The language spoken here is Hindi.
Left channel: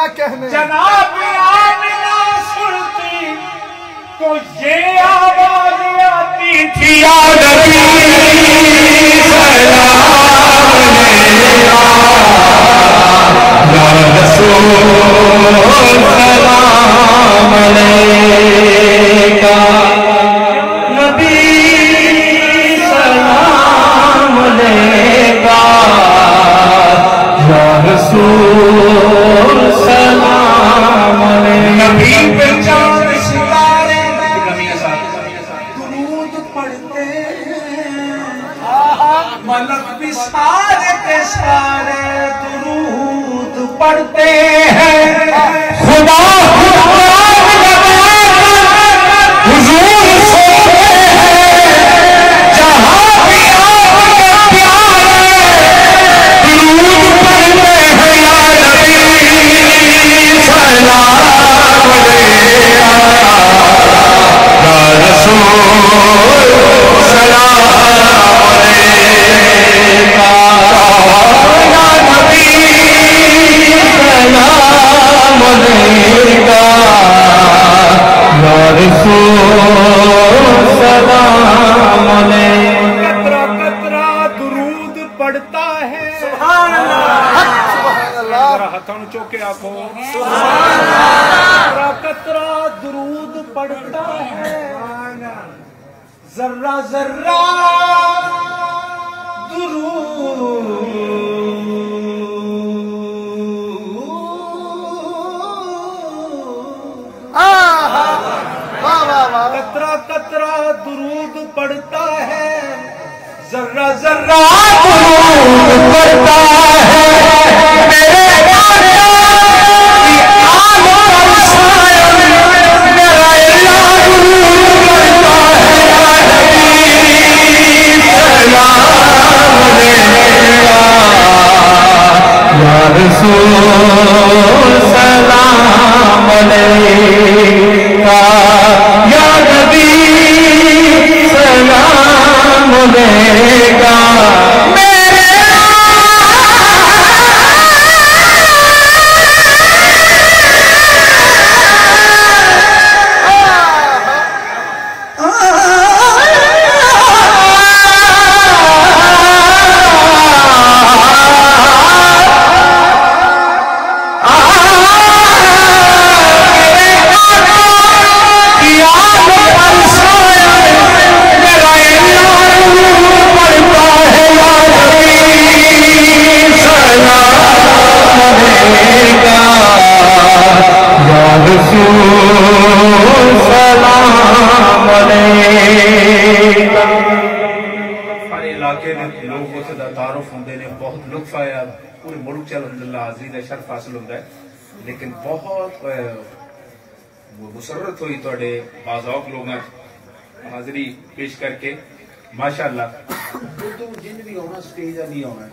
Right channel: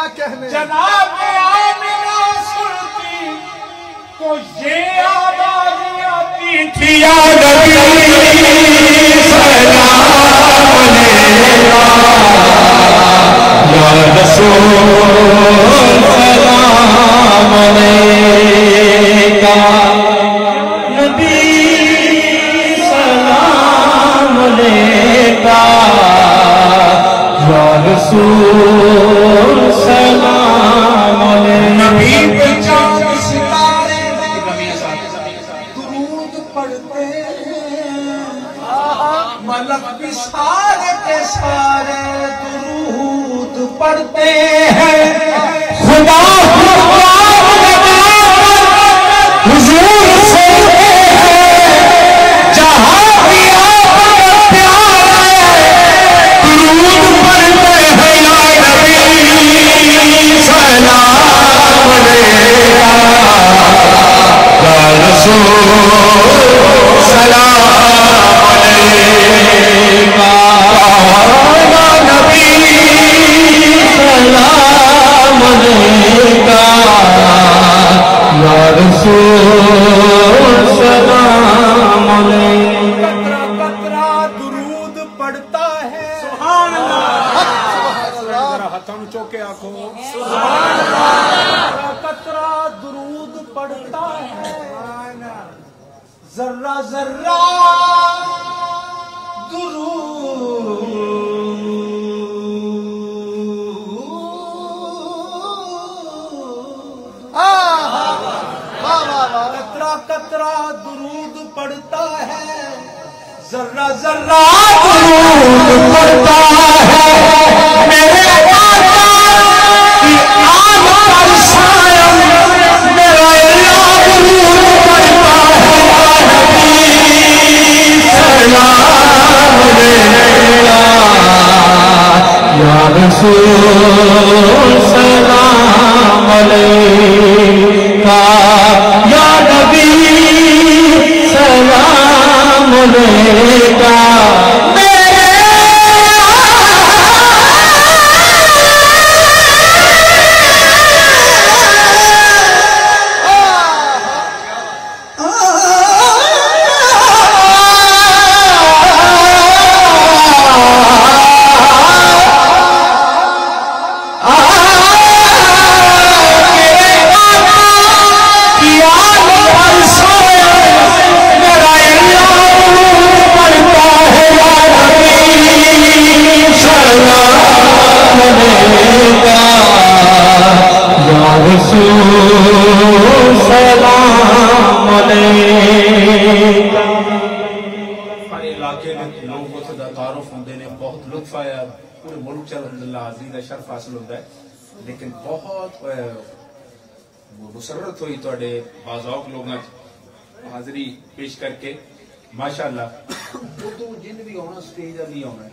क्या कहने जनाब आमिना सुनती तो ये आवाज आती थी या मलक भी सारे के सारे दुरूद पढ़ते हैं खुदा हुजूर से जहां भी प्यारे दुरूद पढ़ते हैं या नबी सलाम अलैका या रसूल सलाम पढ़ता है सुभान अल्लाह हथों चौके आखो कतरा दुरूद पढ़ता है जर्रा जर्रा कतरा कतरा दुरूद पढ़ता है जर्रा जर्रा दुरूद पढ़ता है मेरे आका की आन पर शायद मेरा इलाह दुरूद पढ़ता है या नबी सलाम अलैका या रसूल सलाम अलैका या नबी सलाम अलैका लोग उसका तारुफ होंगे ने बहुत लुत्फ आया पूरे मुल्क च अल्हम्दुलिल्लाह हाज़री का शर्फ हासिल होता है लेकिन बहुत मुसरत हुई थोड़े बाज़ौक लोगों हाज़री पेश करके माशाअल्लाह तो जिन भी आना स्टेज भी आना